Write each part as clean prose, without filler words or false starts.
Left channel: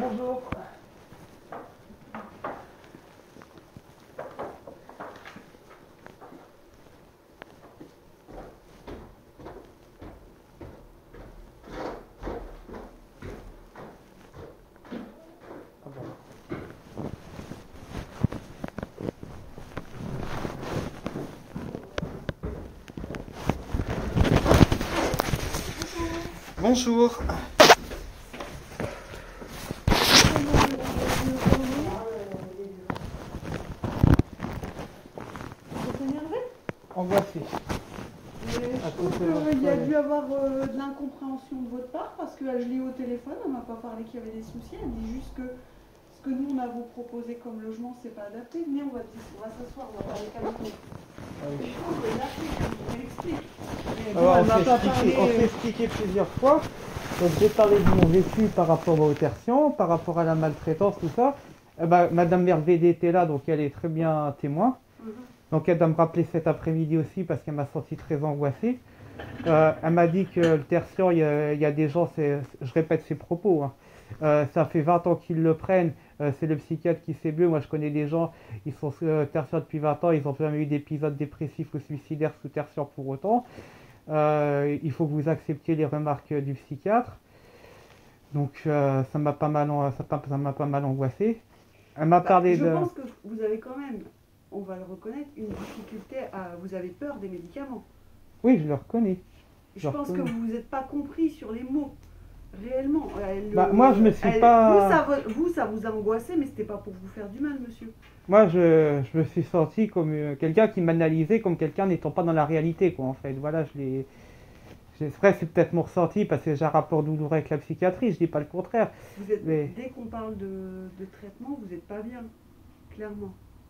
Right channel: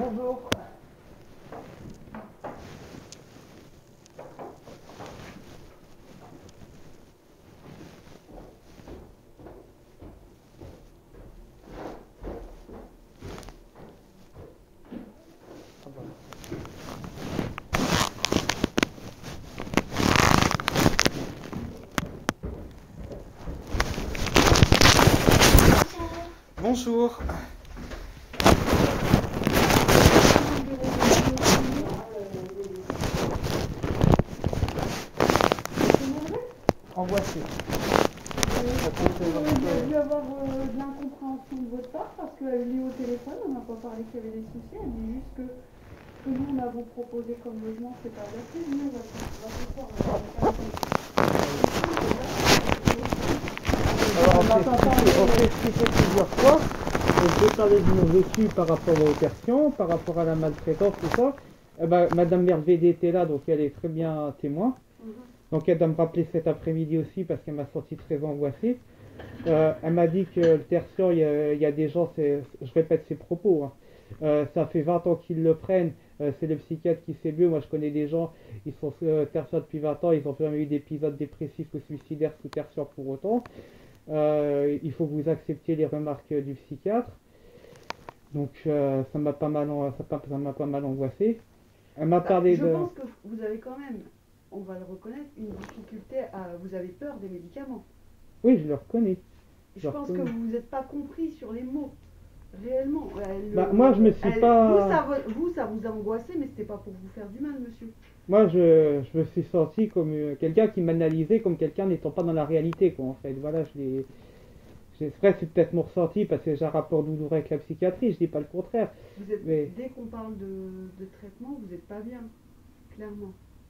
Bonjour. Bonjour. En voiture. Il y a dû avoir de l'incompréhension de votre part parce que je l'ai eu au téléphone, elle m'a pas parlé qu'il y avait des soucis, elle dit juste que ce que nous on a vous proposé comme logement c'est pas adapté. Venez, on va s'asseoir, on va parler Alors, on s'est expliqué plusieurs fois. Donc, j'ai parlé de mon vécu par rapport aux tertions, par rapport à la maltraitance, tout ça. Madame Mervedet était là, donc elle est très bien témoin. Donc elle doit me rappeler cet après-midi aussi parce qu'elle m'a senti très angoissé. Elle m'a dit que le tertiaire, il y a des gens, je répète ses propos, hein. Ça fait 20 ans qu'ils le prennent, c'est le psychiatre qui sait mieux. Moi je connais des gens, ils sont tertiaires depuis 20 ans, ils n'ont jamais eu d'épisode dépressif ou suicidaire sous tertiaire pour autant. Il faut que vous acceptiez les remarques du psychiatre. Donc ça m'a pas mal angoissé. Elle m'a parlé je de... pense que vous avez quand même, on va le reconnaître, une difficulté à... Vous avez peur des médicaments. Oui, je le reconnais. Je pense que vous n'êtes pas compris sur les mots. Réellement. Moi, je me suis pas... Vous, ça vous a angoissé, mais c'était pas pour vous faire du mal, monsieur. Moi, je me suis senti comme quelqu'un qui m'analysait comme quelqu'un n'étant pas dans la réalité, quoi, en fait. Voilà, c'est vrai, c'est peut-être mon ressenti, parce que j'ai un rapport douloureux avec la psychiatrie, je dis pas le contraire. Dès qu'on parle de traitement, vous n'êtes pas bien, clairement.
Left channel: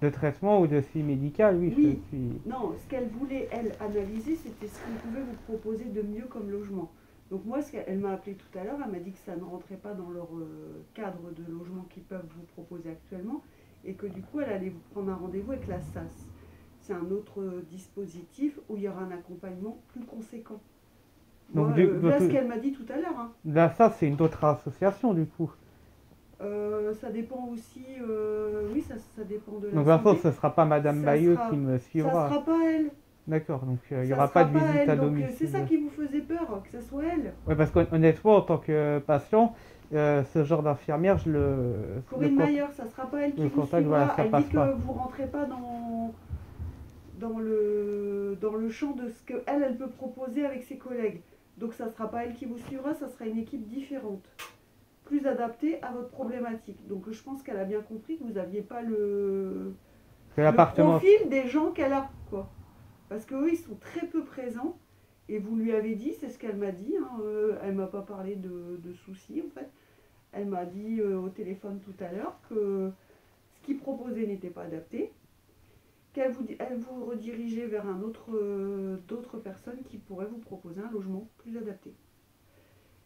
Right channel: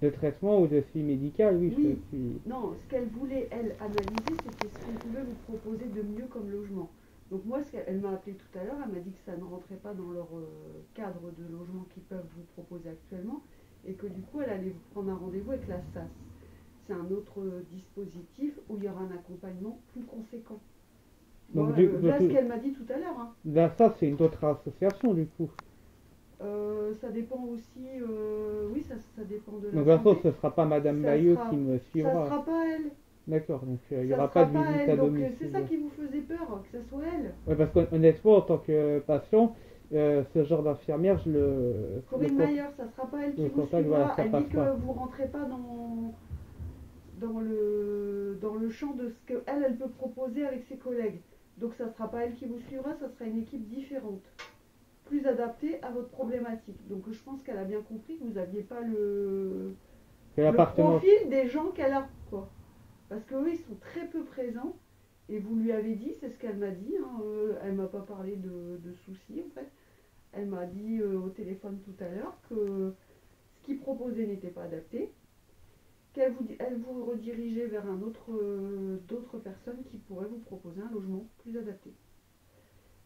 De traitement ou de suivi médical, oui. Oui. Non, ce qu'elle voulait, elle, analyser, c'était ce qu'on pouvait vous proposer de mieux comme logement. Donc moi, elle m'a appelé tout à l'heure, elle m'a dit que ça ne rentrait pas dans leur cadre de logement qu'ils peuvent vous proposer actuellement, et que du coup, elle allait vous prendre un rendez-vous avec la SAS. C'est un autre dispositif où il y aura un accompagnement plus conséquent. Donc, là, ce qu'elle m'a dit tout à l'heure. Hein. La SAS, c'est une autre association, du coup. Ça dépend aussi, oui, ça dépend de la Donc, de toute façon, ce ne sera pas Madame Bayeux qui me suivra. Ça ne sera pas elle. D'accord, donc il n'y aura pas de visite à domicile. C'est ça qui vous faisait peur, que ça soit elle. Oui, parce qu'honnêtement, en tant que patient, ce genre d'infirmière, je le... Corinne Mayer, ça ne sera pas elle qui vous suivra. Voilà, elle dit que vous ne rentrez pas dans le champ de ce qu'elle peut proposer avec ses collègues. Donc ça ne sera pas elle qui vous suivra, ça sera une équipe différente, plus adaptée à votre problématique. Donc je pense qu'elle a bien compris que vous n'aviez pas le profil des gens qu'elle a, quoi. Parce qu'eux, ils sont très peu présents. Et vous lui avez dit, c'est ce qu'elle m'a dit, hein, elle ne m'a pas parlé de soucis, en fait. Elle m'a dit au téléphone tout à l'heure que ce qu'il proposait n'était pas adapté, qu'elle vous redirigeait vers d'autres personnes qui pourraient vous proposer un logement plus adapté.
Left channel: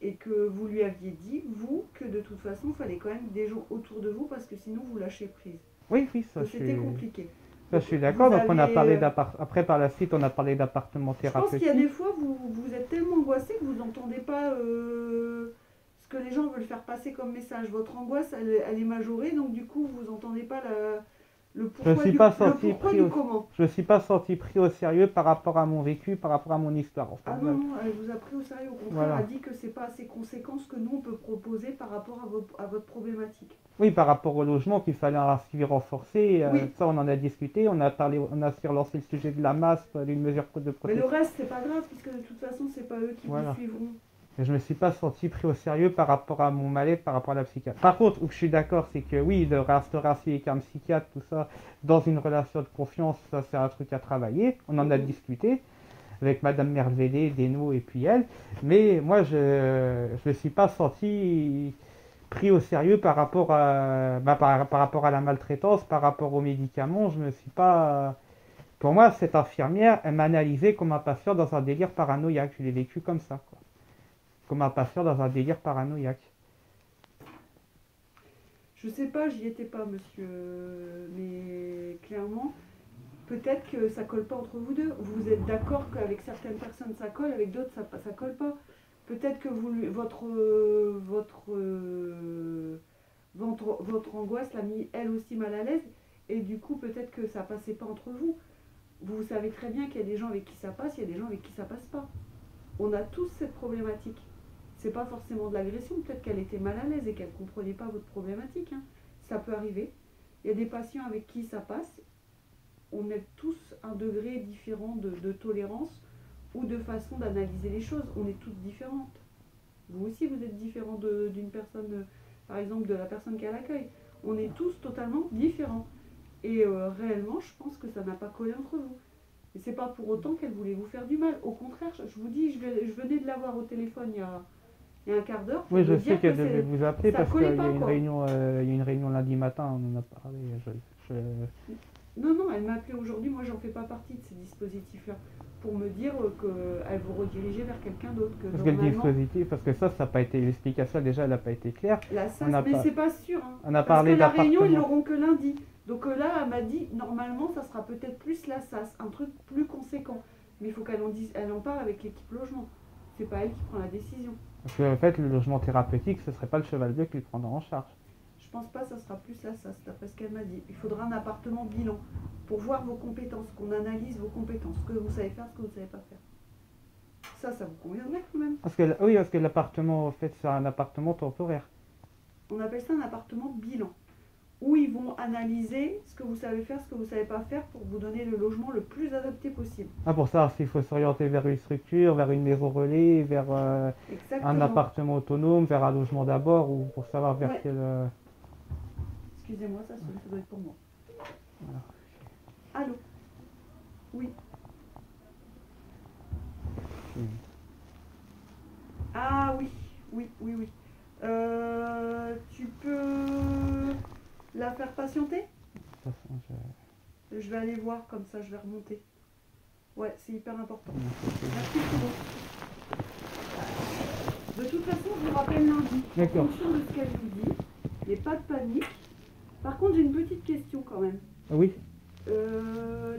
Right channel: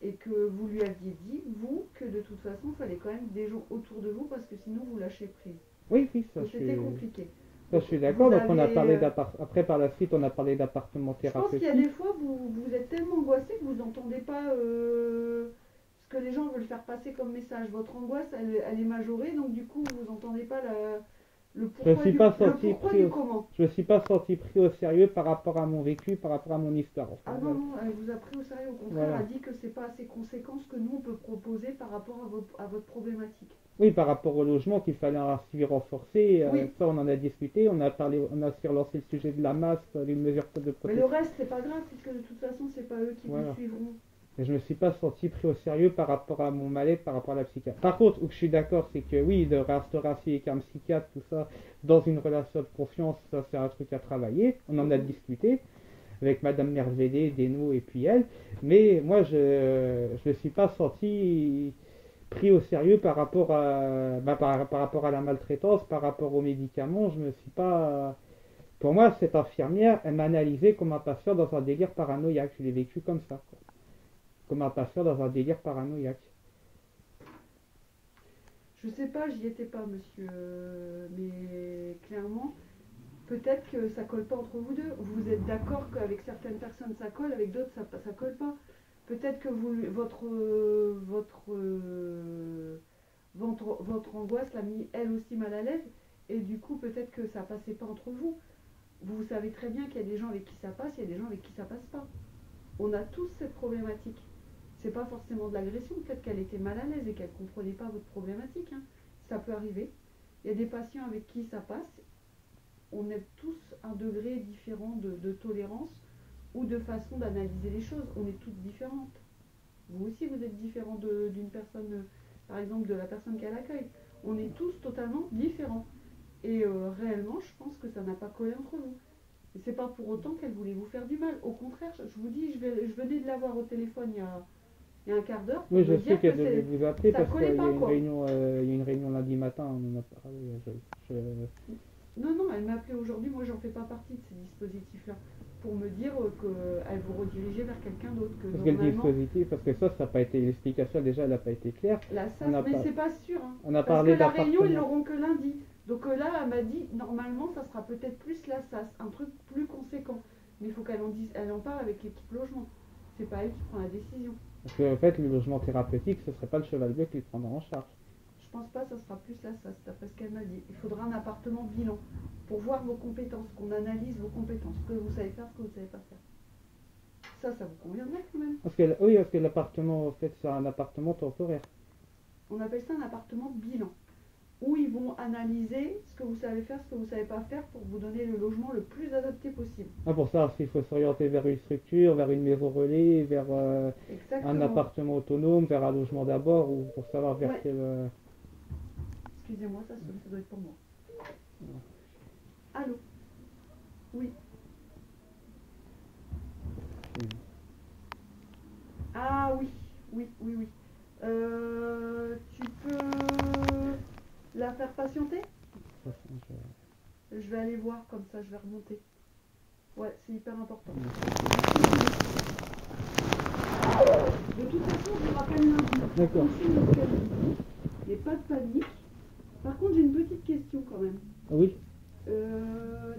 Et que vous lui aviez dit, vous, que de toute façon, il fallait quand même des gens autour de vous parce que sinon vous lâchez prise. Oui, ça c'était compliqué. Je suis d'accord, donc on a parlé après par la suite on a parlé d'appartement thérapeutique. Je pense qu'il y a des fois vous êtes tellement angoissé que vous n'entendez pas ce que les gens veulent faire passer comme message. Votre angoisse elle est majorée, donc du coup vous n'entendez pas le pourquoi du comment. Je ne suis pas senti pris au sérieux par rapport à mon vécu, par rapport à mon histoire. Enfin, ah non, elle vous a pris au sérieux, au contraire, voilà. Elle a dit que c'est pas assez conséquent ce que nous on peut proposer par rapport à votre problématique. Oui, par rapport au logement, qu'il fallait un suivi renforcé, oui. Ça on en a discuté, on a relancé le sujet de la masse, d'une mesure de protection. Mais le reste c'est pas grave, puisque de toute façon c'est pas eux qui vous suivront. Et je me suis pas senti pris au sérieux par rapport à mon mal-être, par rapport à la psychiatre. Par contre, où je suis d'accord, c'est que oui, de restaurer avec un psychiatre, tout ça, dans une relation de confiance, ça c'est un truc à travailler, on en a discuté avec Madame Mervedet, Desno et puis elle, mais moi je me suis pas senti pris au sérieux par rapport à par rapport à la maltraitance, par rapport aux médicaments. Je me suis pas... Pour moi, cette infirmière, elle m'a analysé comme un patient dans un délire paranoïaque. Je l'ai vécu comme ça, quoi. Comme un patient dans un délire paranoïaque. Je sais pas, j'y étais pas, monsieur, mais clairement, peut-être que ça colle pas entre vous deux. Vous êtes d'accord qu'avec certaines personnes ça colle, avec d'autres ça colle pas. Peut-être que votre votre angoisse l'a mis elle aussi mal à l'aise, et du coup peut-être que ça passait pas entre vous. Vous savez très bien qu'il y a des gens avec qui ça passe, il y a des gens avec qui ça passe pas. On a tous cette problématique. C'est pas forcément de l'agression, peut-être qu'elle était mal à l'aise et qu'elle comprenait pas votre problématique, hein. Ça peut arriver. Il y a des patients avec qui ça passe. On est tous un degré différent de tolérance ou de façon d'analyser les choses. On est toutes différentes. Vous aussi, vous êtes différent d'une personne, par exemple de la personne qui a l'accueil. On est tous totalement différents. Et réellement, je pense que ça n'a pas collé entre vous. Et c'est pas pour autant qu'elle voulait vous faire du mal. Au contraire, je vous dis, je venais de l'avoir au téléphone il y a un quart d'heure. Oui, je me sais dire qu'elle que devait vous appeler ça parce qu'il y collait a pas, une quoi. réunion, il y a une réunion lundi matin, on en a parlé. Non, non, elle m'a appelé aujourd'hui. Moi, j'en fais pas partie de ces dispositifs-là. Pour me dire qu'elle vous redirigeait vers quelqu'un d'autre. Parce que le dispositif, parce que ça n'a pas été, l'explication déjà, elle n'a pas été claire. La SAS, On a mais pas- c'est pas sûr. Hein. On a Parce parlé que la réunion, ils d'appartement. l'auront que lundi. Donc là, elle m'a dit, normalement, ça sera peut-être plus la SAS, un truc plus conséquent. Mais il faut qu'elle elle en parle avec l'équipe logement. C'est pas elle qui prend la décision. Parce qu'en fait, le logement thérapeutique, ce serait pas le cheval bleu qui le prendra en charge. Je pense pas, ça sera plus la SAS, d'après ce qu'elle m'a dit. Il faudra un appartement bilan pour voir vos compétences, qu'on analyse vos compétences, ce que vous savez faire, ce que vous ne savez pas faire. Ça vous conviendrait quand même. Oui, parce que l'appartement, en fait, c'est un appartement temporaire. On appelle ça un appartement bilan, où ils vont analyser ce que vous savez faire, ce que vous ne savez pas faire, pour vous donner le logement le plus adapté possible. Ah, pour ça, s'il faut s'orienter vers une structure, vers une maison relais, vers Exactement. un appartement autonome, vers un logement d'abord, ou pour savoir vers Ouais. quel... Excusez-moi, ça doit être pour moi. Voilà. Allô? Oui. Ah oui, oui. Tu peux la faire patienter? De toute façon, Je vais aller voir, comme ça je vais remonter. Ouais, c'est hyper important. De toute façon, je vous rappelle lundi. D'accord. En fonction de ce qu'elle vous dit, mais pas de panique. Par contre, j'ai une petite question quand même. Ah oui.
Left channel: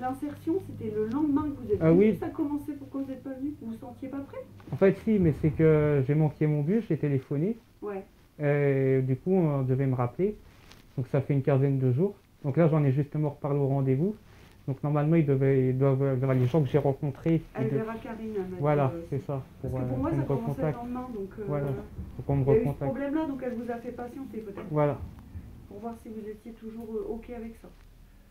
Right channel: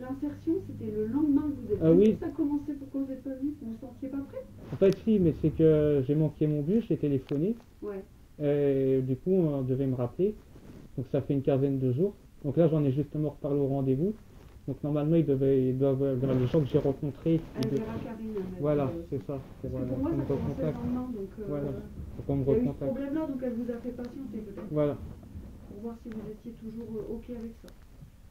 L'insertion, c'était le lendemain que vous êtes Ah venu. oui. Ça a commencé, pourquoi vous n'êtes pas venu? Vous vous sentiez pas prêt? En fait, si, mais c'est que j'ai manqué mon bus, j'ai téléphoné. Ouais. Du coup, on devait me rappeler. Donc ça fait une quinzaine de jours. Donc là, j'en ai justement reparlé au rendez-vous. Donc normalement, ils doivent les gens que j'ai rencontrés. Elle verra Karine. Elle m'a dit, Voilà, c'est ça. Parce que pour moi, qu'on ça me commençait le recontacte. lendemain, donc Voilà. Faut qu'on me il y a eu ce recontacte. problème-là, donc elle vous a fait patienter peut-être, Voilà. pour voir si vous étiez toujours OK avec ça.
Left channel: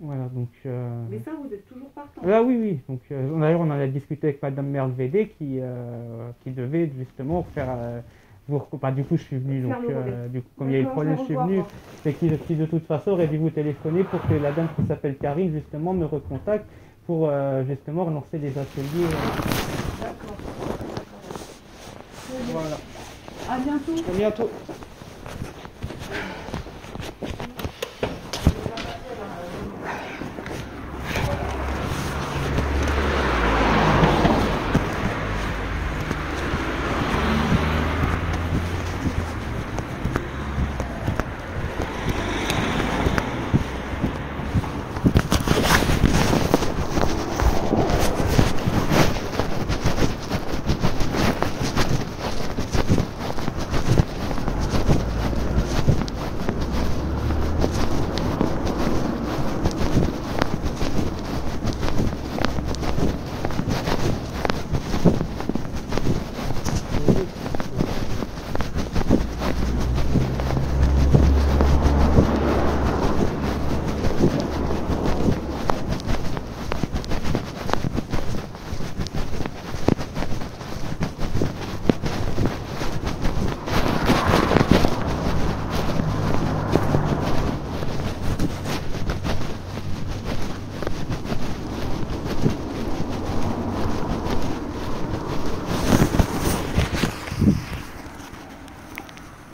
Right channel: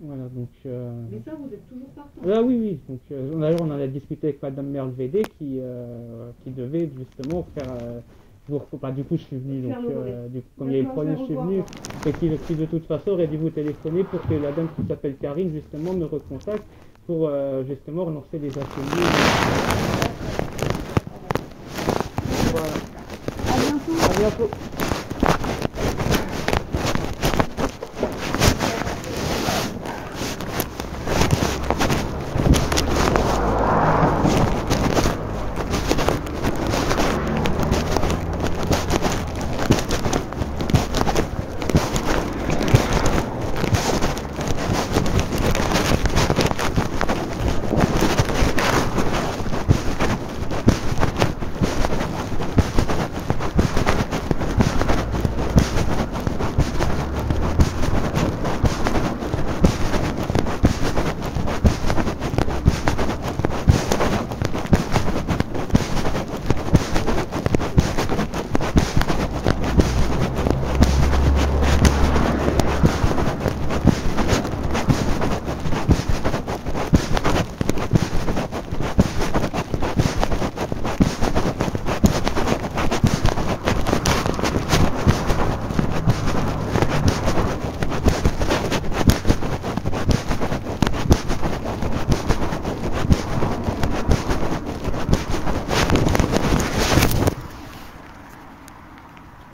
Voilà, donc... Mais ça, vous êtes toujours partant. Ah oui, oui. Donc, d'ailleurs, on en a discuté avec Madame Mervedet qui devait justement faire... du coup, je suis venu. Faire Donc, le relais. du coup, comme il y a eu le D'accord, problème, je je suis vais venu. revoir. Et qui, de toute façon, aurait dû vous téléphoner pour que la dame qui s'appelle Karine, justement, me recontacte pour, justement, relancer les ateliers. Voilà. À bientôt. À bientôt.